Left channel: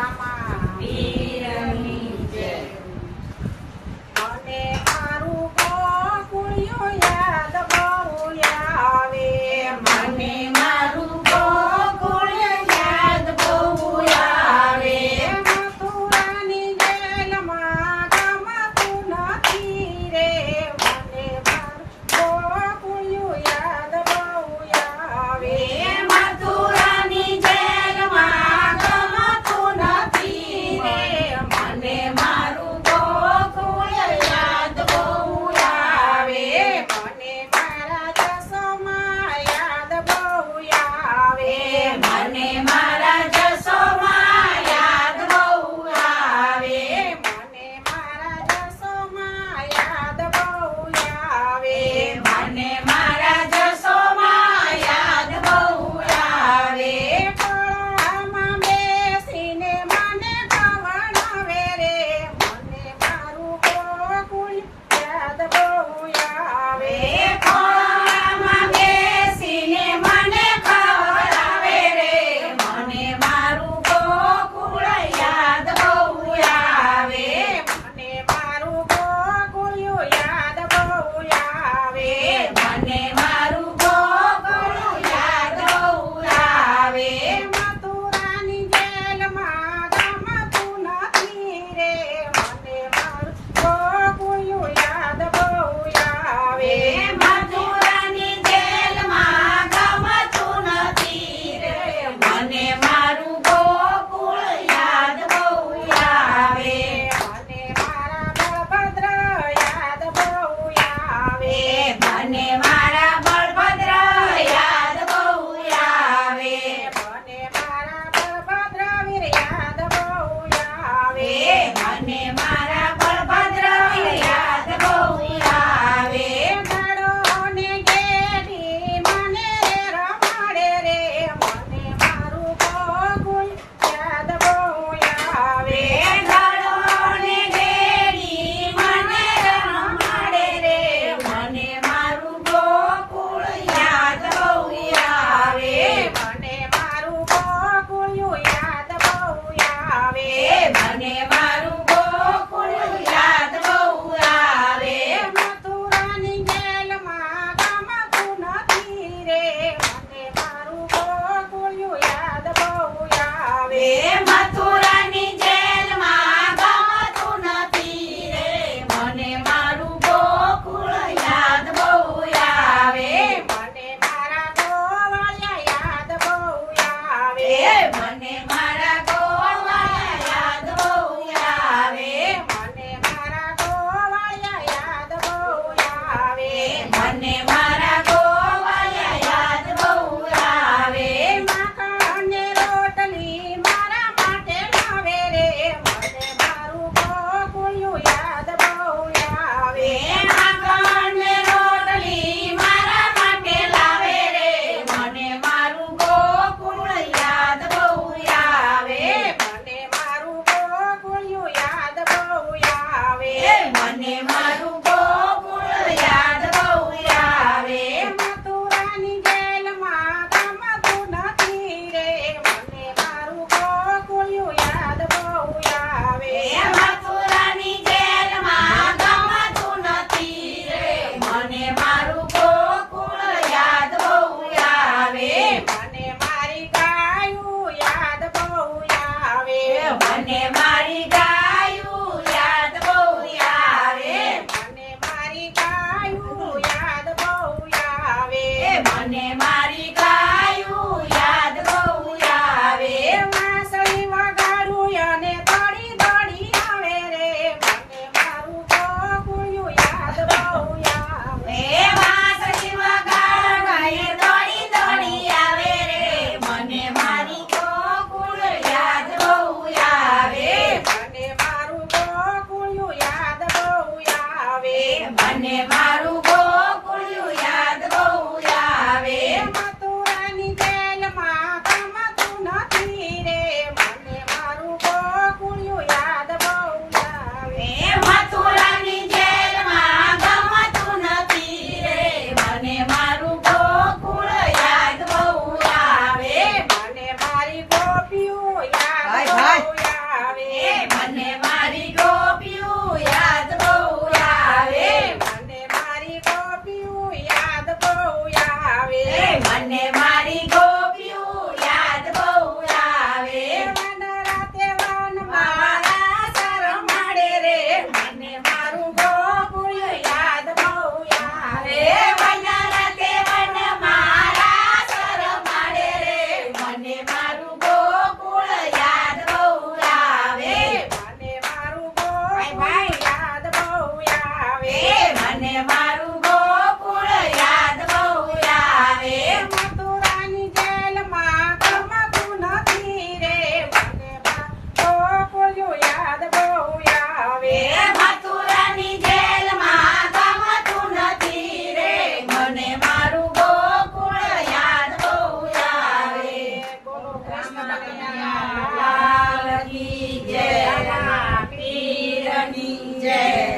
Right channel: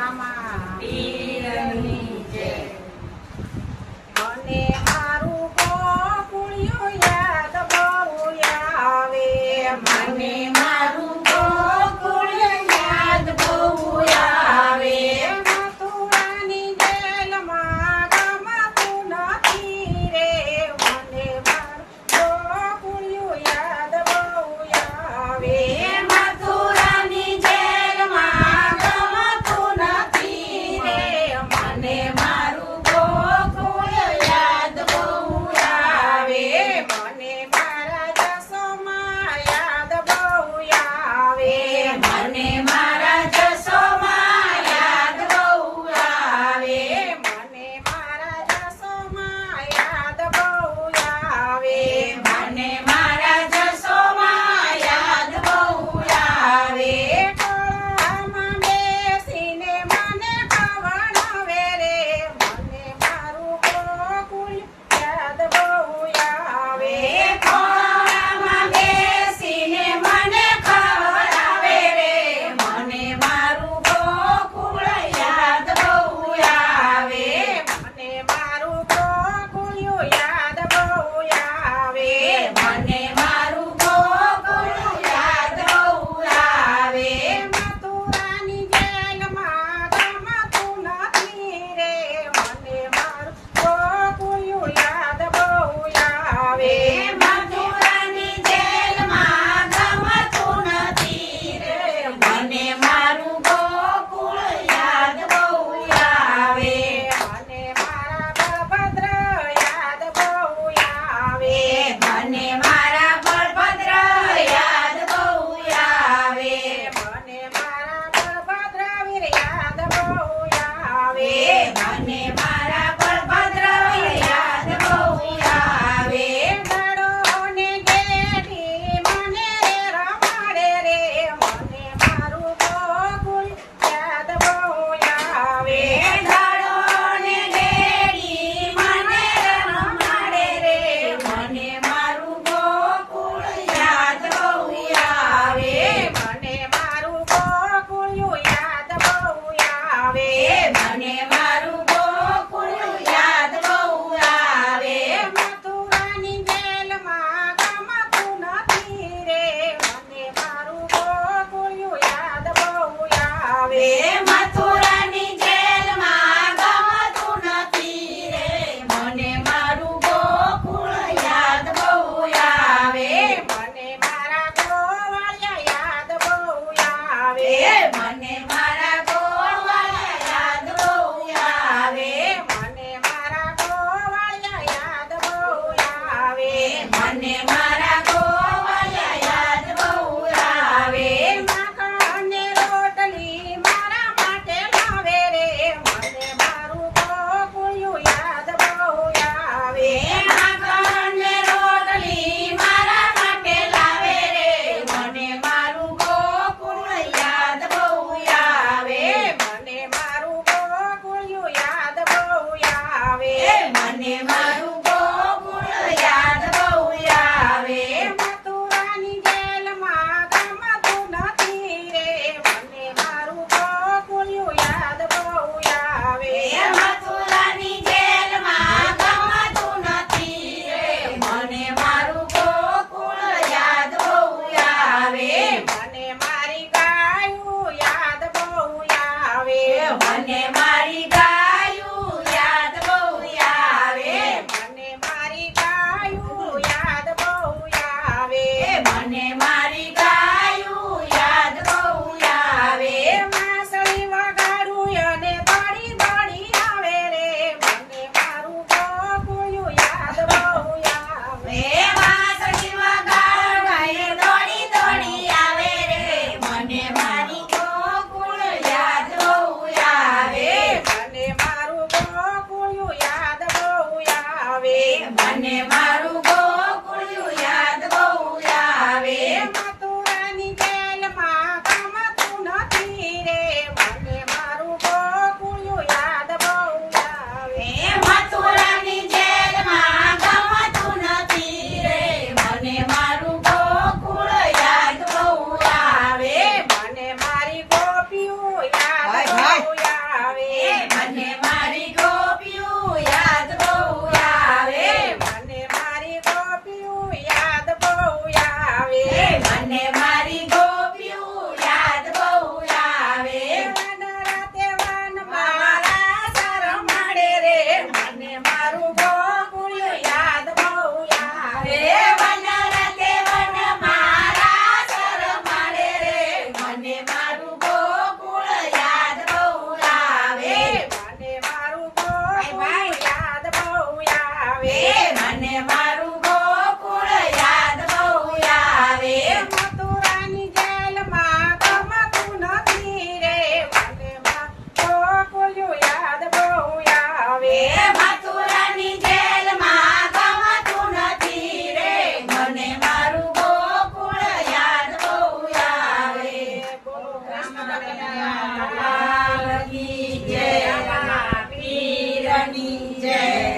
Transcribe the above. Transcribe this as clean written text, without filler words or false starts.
રામા પીરની જય. મને મારું ગોકુળિયું યાદ બહુ આવે. મને મારું ગોકુળ યાદ બહુ આવે. મથુરાની જેલમાં ગમતું નથી રે. મને મારું ગોકુળિયું યાદ બહુ આવે. મથુરાની જેલમાં ગમતું નથી રે. મને મારું ગોકુળ યાદ બહુ આવે. મને મારા જસોમાં યાદ બહુ આવે. મને મારા જસોમાં યાદ બહુ આવે. મને મારા જસોમાં યાદ બહુ આવે. મને મારા જસોમાં યાદ બહુ આવે. ટોળામાં બેસીને મને ખવડાવે રે. મને મારું ગોકુળ યાદ બહુ આવે. ખોળામાં બેસીને મને ખવડાવે રે. મને મારું ગોકુળ યાદ બહુ આવે. મને મારું ગોકુળિયું યાદ બહુ આવે. મને મારું ગોકુળ યાદ બહુ આવે. મથુરાની જેલમાં ગમતું નથી રે. મને મારું ગોકુળિયું યાદ બહુ આવે. મથુરાની જેલમાં ગમતું નથી રે. મને મારું ગોકુળ યાદ બહુ આવે. મને મારા બળભદ્ર યાદ બહુ આવે. મને મારા બળભદ્ર યાદ બહુ આવે. મને મારા બળભદ્ર વીર યાદ બહુ આવે. મને મારા બળભદ્ર યાદ બહુ આવે. દાડોને ગેડી મને રમાડે રે. મને મારું ગોકુળ યાદ બહુ આવે. ગાળોને ઘેરી મને રમાડે રે. મને મારું ગોકુળ યાદ બહુ આવે. મને મારું ગોકુળિયું યાદ બહુ આવે. મને મારું ગોકુળ યાદ બહુ આવે. મથુરાની જેલમાં ગમતું નથી રે. મને મારું ગોકુળિયું યાદ બહુ આવે. મથુરાની જેલમાં ગમતું નથી રે. મને મારું ગોકુળ યાદ બહુ આવે. મને મારા ગોવાળિયા યાદ બહુ આવે. મને મારા ગોવાળિયા યાદ બહુ આવે. મને મારા ગોવાળિયા યાદ બહુ આવે. મને મારા ગોવાળિયા યાદ બહુ આવે. માખણને રોટલી મારા માટે લાવે રે. મને મારું ગોકુળિયું યાદ બહુ આવે. માખણને રોટલી મારા માટે લાવે રે. મને મારું ગોકુળ યાદ બહુ આવે. મને મારું ગોકુળિયું યાદ બહુ આવે. મને મારું ગોકુળ યાદ બહુ આવે. મથુરાની જેલમાં ગમતું નથી રે. મને મારું ગોકુળિયું યાદ બહુ આવે. મથુરાની જેલમાં ગમતું નથી રે. મને મારું ગોકુળ યાદ બહુ આવે. મને મારી ગાયું યાદ બહુ આવે. મને મારી ગાયું યાદ બહુ આવે. મને મારી ગાયું યાદ બહુ આવે. મને મારી ગાયું યાદ બહુ આવે. વાંસળી વગાડું અને દોડી દોડી આવે રે. મને મારું ગોકુળિયું યાદ બહુ આવે. વાંસળી વગાડાય દોડી દોડી આવે રે. મને મારું ગોકુળ યાદ બહુ આવે. મને મારું ગોકુળિયું યાદ બહુ આવે. મને મારું ગોકુળ યાદ બહુ આવે. મથુરાની જેલમાં ગમતું નથી રે. મને મારું ગોકુળિયું યાદ બહુ આવે. મથુરાની જેલમાં ગમતું નથી રે. મને મારું ગોકુળ યાદ બહુ આવે. મને મારી ગોપીઓ યાદ હાય, હાય. બહુ આવે. મને મારી ગોપીયું યાદ બહુ આવે. મને મારી ગોપીયું યાદ બહુ આવે. મને મારી ગોપીયું યાદ બહુ આવે. વન રાતે વનમાં મારા શરમાડે રે મને મારું ગોકુળ યાદ બહુ આવે. વન રાતે વન મારા શરમાડે રે મને મારું ગોકુળ યાદ બહુ આવે. મને મારું ગોકુળ યાદ બહુ આવે. મને મારું ગોકુળ યાદ બહુ આવે. મથુરાની જેલમાં ગમતું નથી રે મને ગોકુળ યાદ બહુ આવે. મથુરાની જેલમાં ગમતું નથી રે મને મારું ગોકુળ યાદ બહુ આવે. બોલો કૃષ્ણ કનૈયા લાલની જય, પીરની જય.